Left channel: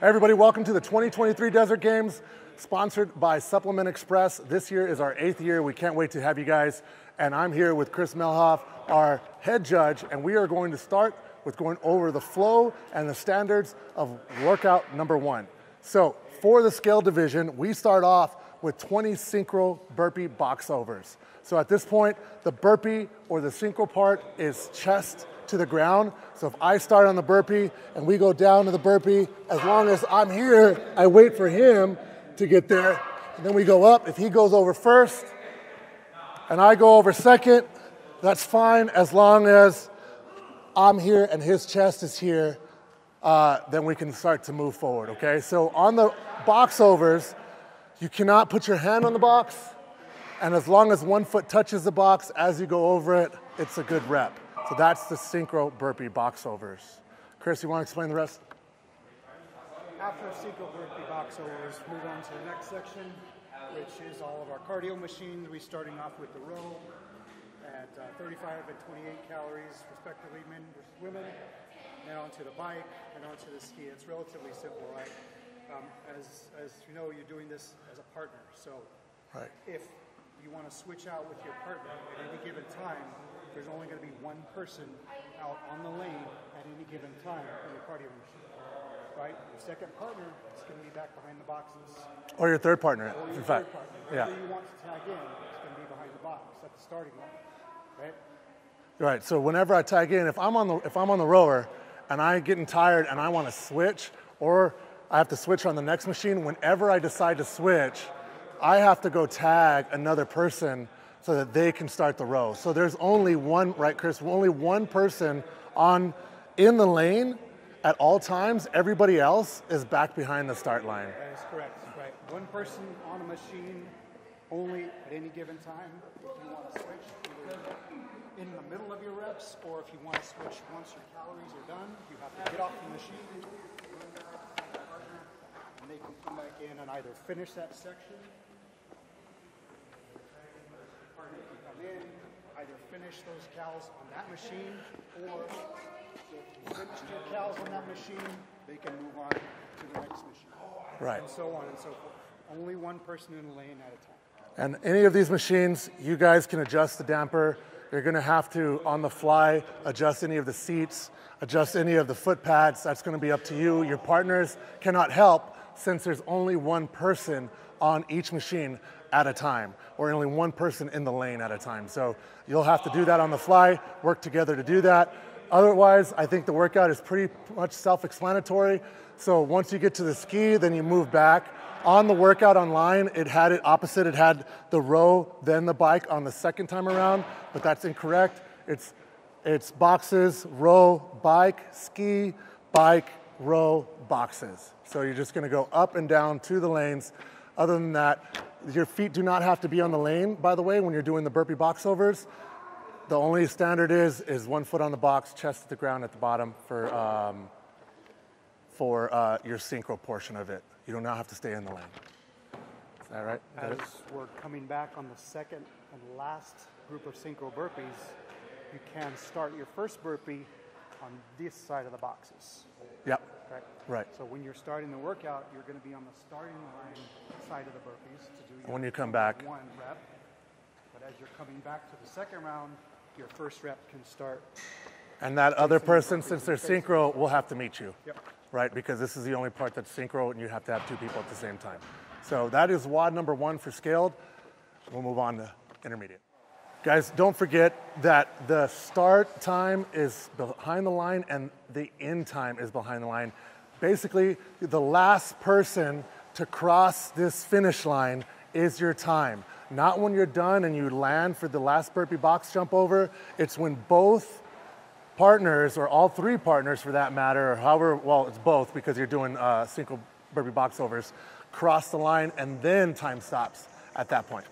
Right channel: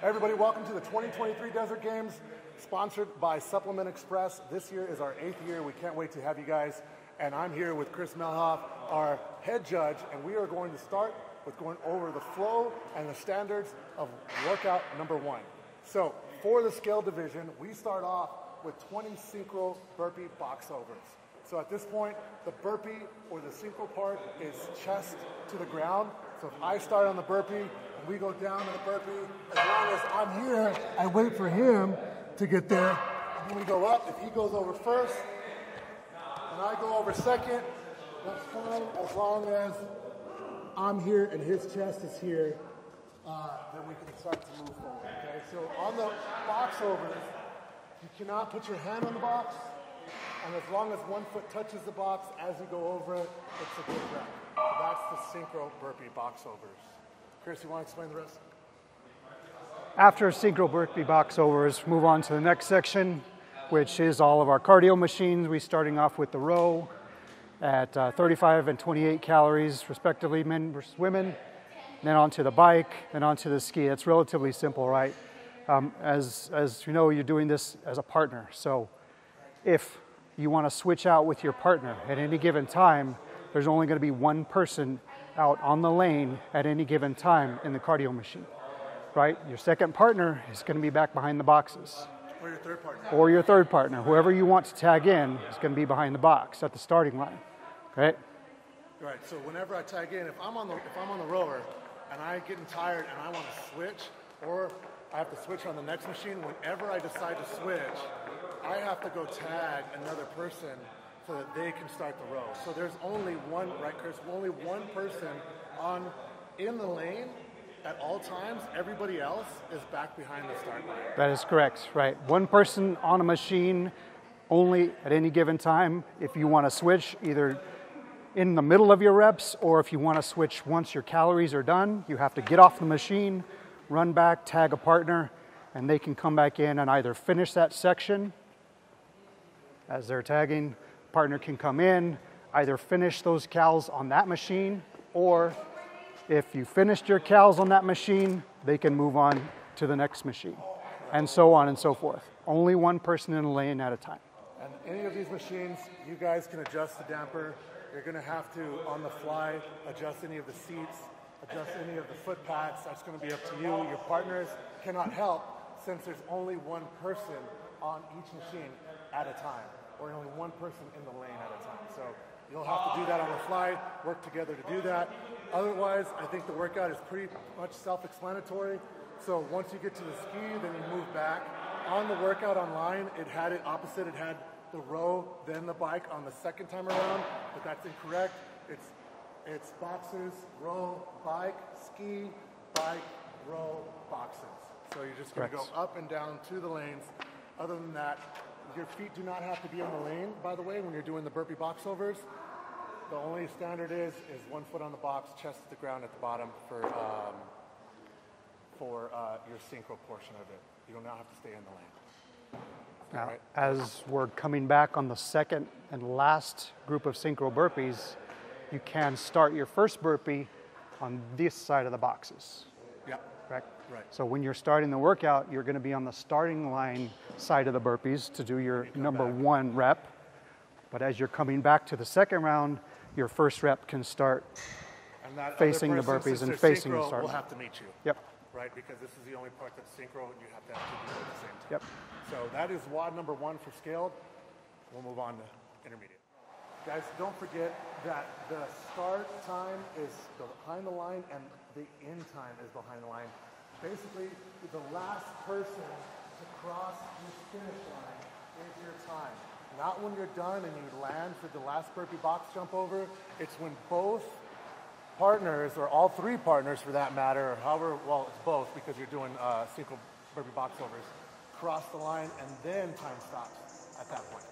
Hey everybody, welcome to the 2023 Desert Games, sponsored by Supplement Express. This year is our 8th year. We can't wait to have you guys. And I'm here with Chris Melhoff, our head judge, and we are going to start with going over the flow and the standards of workout number 1. So for the scale division, we start off with 20 synchro burpee box overs. So at this point, the burpee or the synchro part is chest to the ground. So if I start on the burpee and we go down to the burpee, as long as I'm here, I wait for him to get there. And then we go up. If he goes over first and I go over second, that's fine as long as I'm here and his chest is here, then we can start to move forward, okay? So on the box overs, you cannot put your hand on the box, and as long as one foot touches the box as you go over it, it's a good rep. So that's the synchro burpee box overs. Chris, you want to explain the rest? After synchro burpee box overs, move on to the next section, which is all of our cardio machines. We're starting off with the row at 35 and 28 calories, respectively, men versus women. Then onto the bike, then onto the ski. It's relatively simple, right? As you know, you're doing this as a partner. So if you want to switch out with your partner at any given time, there's only going to be one person out on the lane at any given time in the cardio machine, right? Your second partner is going to be back behind the boxes. Or your third partner. Or your third partner. Whoever you want to tag in is going to be behind the box at the starting line, right? Right, so whenever I tag in, if I'm on the rower and I'm getting tired and I want to switch, or I have to switch on the next machine, whenever I decide to switch, I have to go tag another person so that they can start the row. So there's only one, right, Chris? Only one person in the lane at all times. Everybody else is back behind the start line. That is correct, right? One person on a machine only at any given time. If you want to switch either in the middle of your reps, or if you want to switch once your calories are done, you have to get off the machine, run back, tag a partner, and they can come back in and either finish that section as they're tagging. Partner can come in, either finish those cals on that machine, or if you finished your cals on that machine, they can move on to the next machine, and so on and so forth. Only one person in a lane at a time. And any of these machines, you guys can adjust the damper. You're gonna have to, on the fly, adjust any of the seats, adjust any of the foot pads. That's gonna be up to you. Your partners cannot help since there's only one person on each machine at a time, or only one person in the lane at a time. So you'll have to do that on the fly, work together to do that. Otherwise, I think the workout is pretty much self-explanatory. So once you get to the ski, then you move back. On the workout online, it had it opposite. It had the row, then the bike on the second time around, but that's incorrect. It's boxes, row, bike, ski, bike, row, boxes. So you're just gonna go up and down to the lanes. Other than that, your feet do not have to be on the lane, by the way, when you're doing the burpee box overs. The only standard is one foot on the box, chest to the ground at the bottom for your synchro portion of it. You do not have to stay in the lane. All right. As we're coming back on the second and last group of synchro burpees, you can start your first burpee on this side of the boxes. Yep. Right. So when you're starting the workout, you're going to be on the starting line side of the burpees to do your number 1 rep. But as you're coming back to the second round, your first rep can start. And that other person, since they're synchro, will have to meet you. Yep. Right, because this is the only part that's synchro, and you have to have 2 people at the same time. Yep. So that is WOD number 1 for scaled. We'll move on to intermediate. Guys, don't forget that the start time is behind the line and the end time is behind the line. Basically, the last person to cross this finish line is your time. Not when you're done and you land for the last burpee box jump over. It's when both partners, or all 3 partners for that matter, or however, well, it's both because you're doing synchro burpee box overs, cross the line and then time stops at that point.